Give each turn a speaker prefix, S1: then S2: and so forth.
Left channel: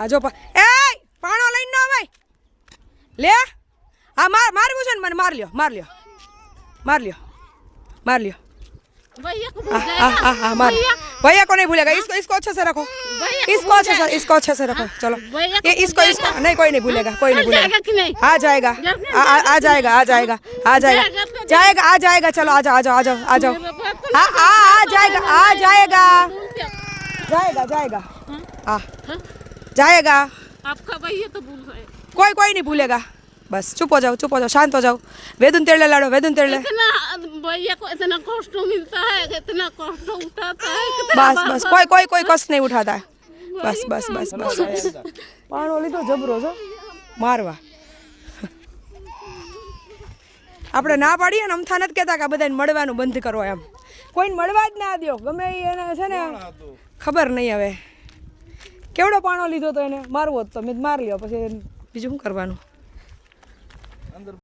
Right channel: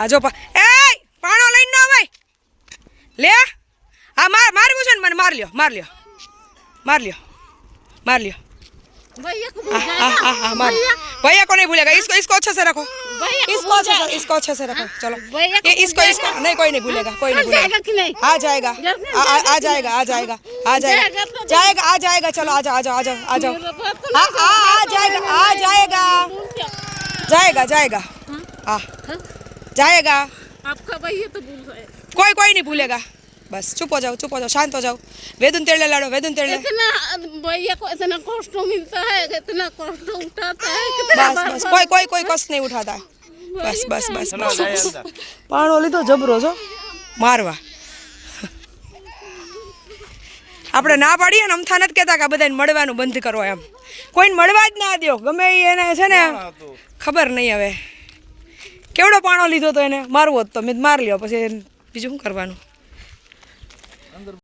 S1: આ જો પા એ પાણો લઈને ન અવાય લે હા માર મારવું છે ને મને માર લ્યો માર લ્યો માર લ્યો मार लियो
S2: भैया को
S1: हाँ हाँ हाँ हाँ मार भैया को नहीं भूलेगा इसको इसको अच्छे से रखो
S2: भैया
S1: इसको अच्छे से इसको अच्छे से रखो चलो
S2: भैया
S1: ये इसको इसको नहीं कोई नहीं भूलेगा कोई नहीं भूलेगा
S2: जाएगा कि नहीं
S1: आ जाएगा आ, आ, आ जाएगा आ जाएगा आ जाएगा जाएगा आ जाएगा चलो आ जाओ आ जाओ आ जाओ आ जाओ हाँ हाँ आ जाएगा आ जाएगा जाएगा जाएगा हाँ जाएगा
S2: आपका भैया तो भूल गए
S1: कोई कोई नहीं भूलेगा बस चुप हो जाओ चुप हो जाओ शांत हो जाओ वेदुन तेड़े लाड़ो वेदुन तेड़े
S2: इतना भैया को इतना कष्ट मिलता है इतना कष्ट उठाता है कितना
S1: બસ બસ કોઈ કોઈ કોઈ કષ્ટ નહીં ઉઠાતા બસ બસ બસ બસ પાણો લીધો જબરો છો મારવા આપણે ના પાડીએ ને અમથા નથી કહેતા કે આ બધાને મળવાનું બંધ કરો એમ કોઈને મળવા જ ના દો ગમે ઈ એને છે ને ખબર નહીં હવે કેવડો પાણો લીધો તો એને? મારવો હતો તો. મેં મારી લ્યો. પછી બીજું શું કરવાનું?